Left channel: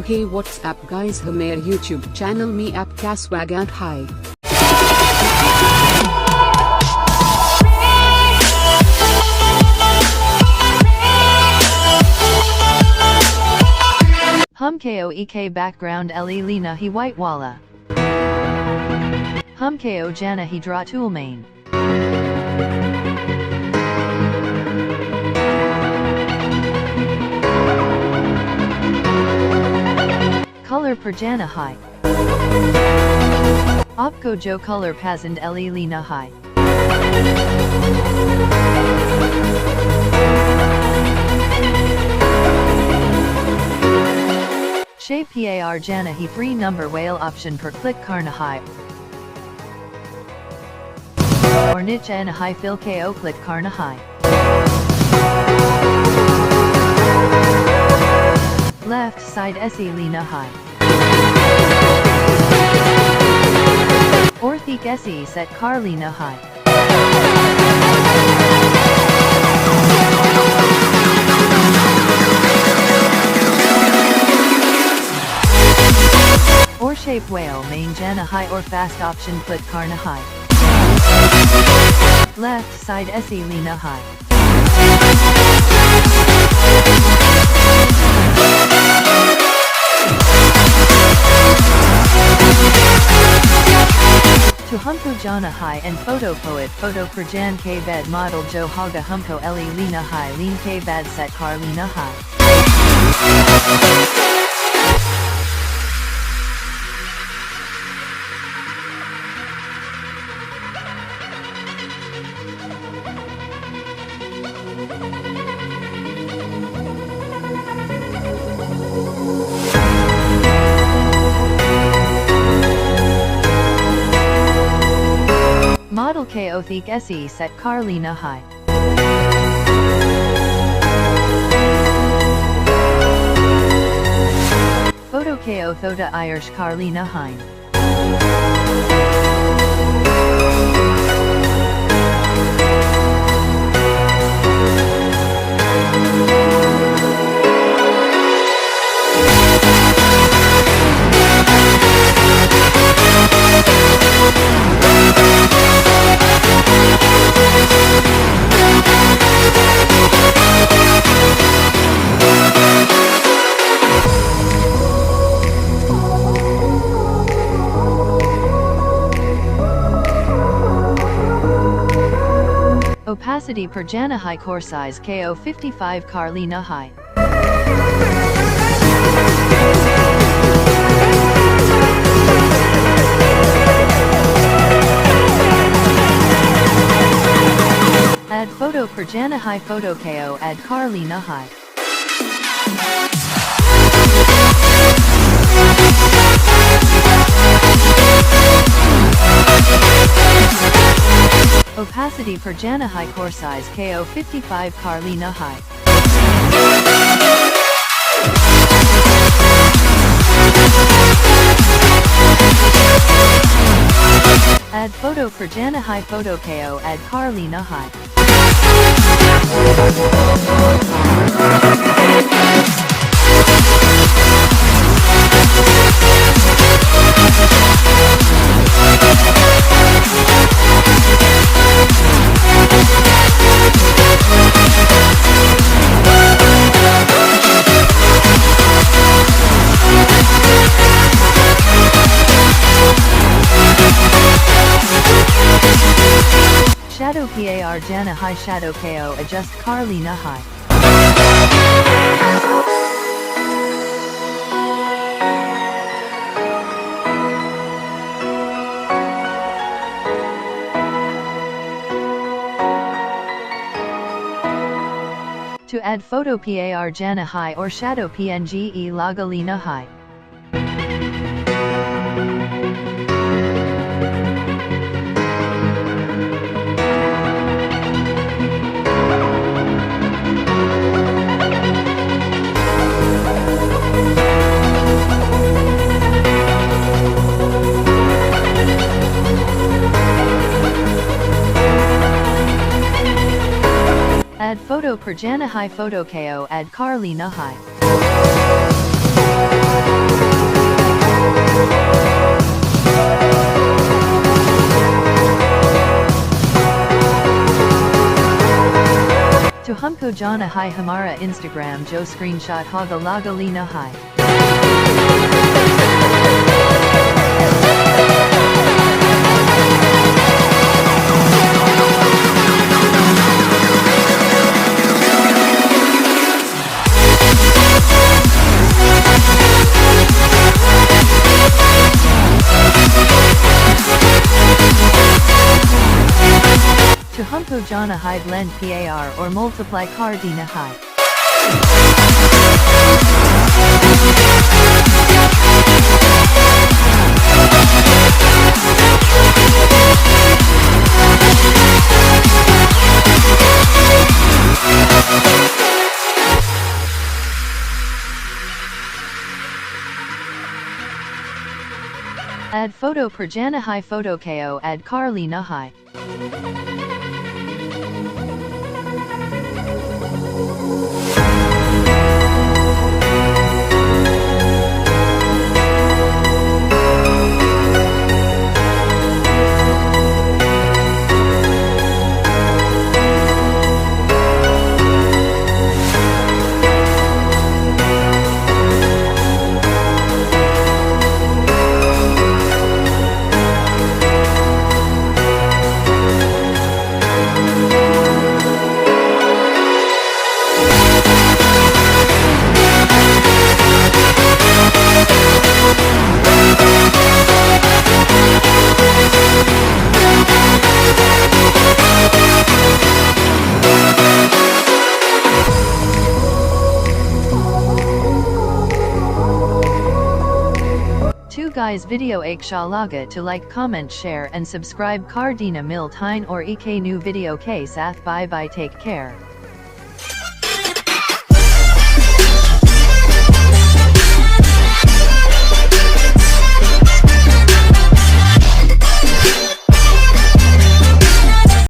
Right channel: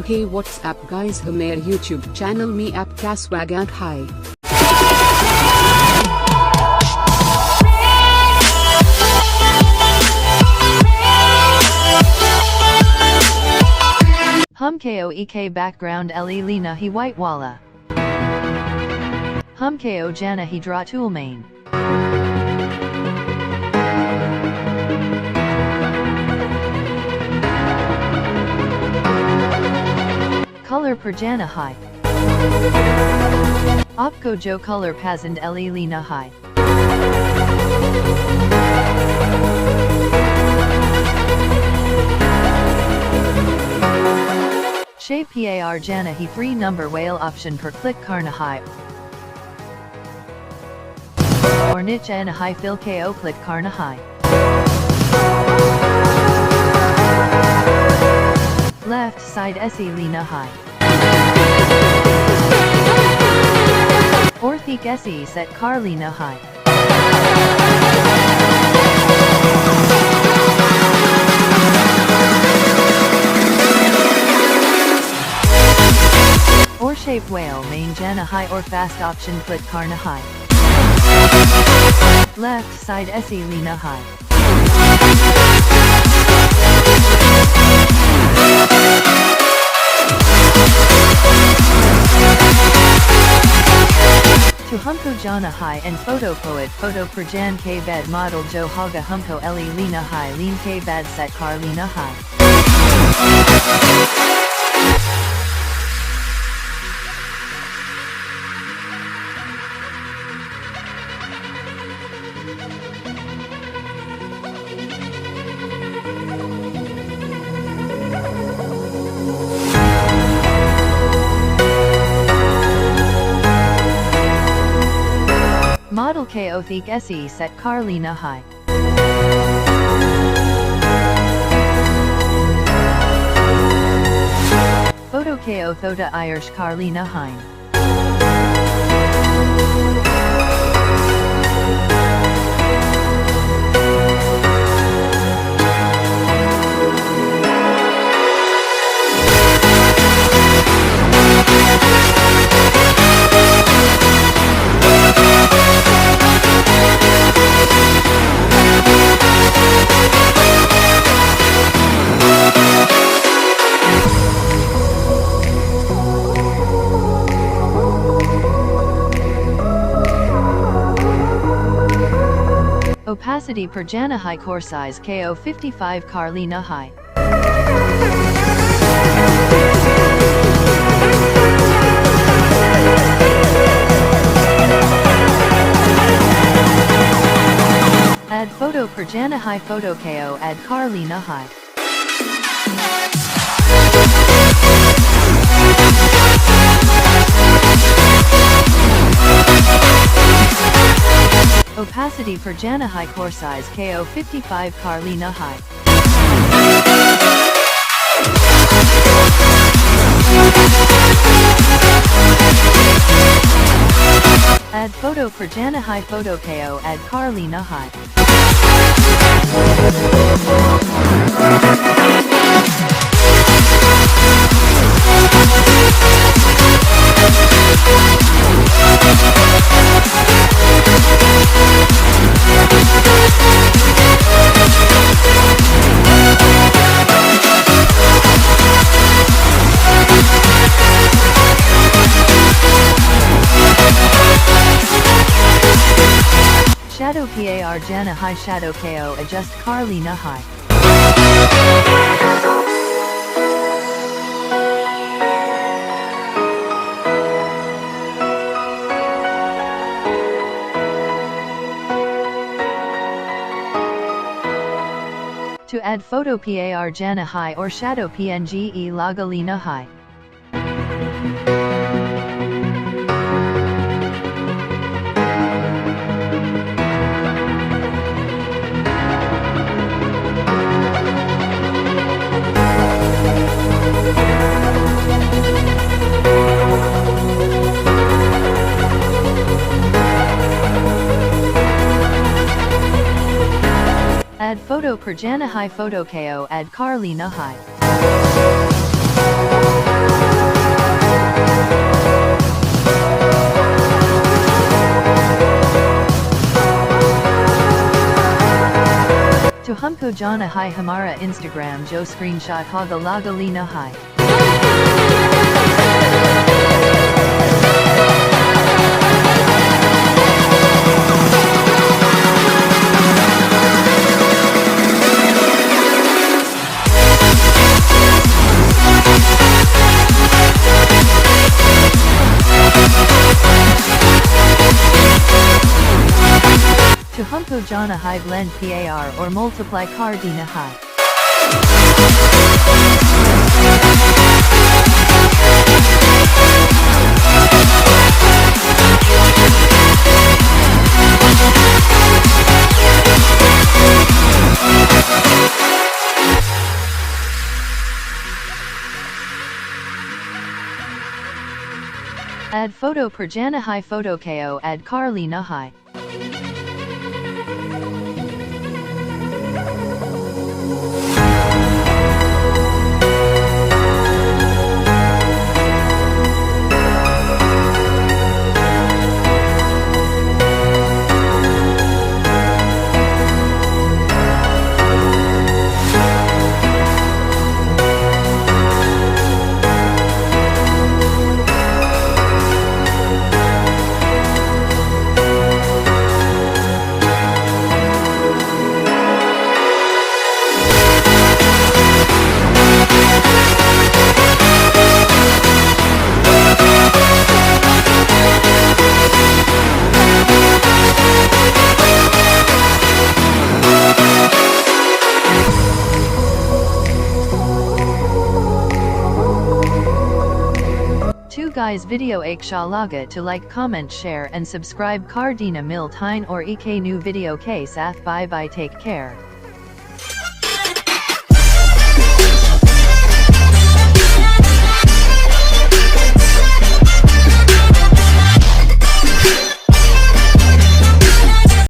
to Hey What's Up Guys, हमारे YouTube channel में आपका स्वागत है। Hum ko ek background le lina hi white wala. Hum ko jana hi draw tool main. Color per jana hai. Opko jo color pasand le lina hai. Shape par jana hi free number whale option per click karna hai. Or niche and high fill ko click karna hai. Left side se lina high. Orthik se set car lina high. Or shape whale main jana high or fast option click karna high. Left side se lina high. To humko jana high and photo poet photo per jan k bed model jo haga humko le lina high lean k bad set car lina high. Model ko thik se set car lina high. Photo ko thota Irish car lina high. Opacity per jana high core size ko 55 car lina high. Add photo per jana high photo ko add car lina high. Opacity per jana high core size ko 55 car lina high. Add photo per jana high photo ko add car lina high. Shadow par jana high shadow ko adjust car lina high. To add photo par jana high or shadow pnge laga lina high. Add photo per jana high photo ko add car lina high. humko jana hai hamara Instagram jo screenshot haga laga lina hai. To humko jana hai blend par or multiply car dina hai. Add photo per jana hai photo ko add car lina hai. Two guys video ek shalaga to like comment share and subscribe kar dina mil tine or ek new video ke sath bye bye take care.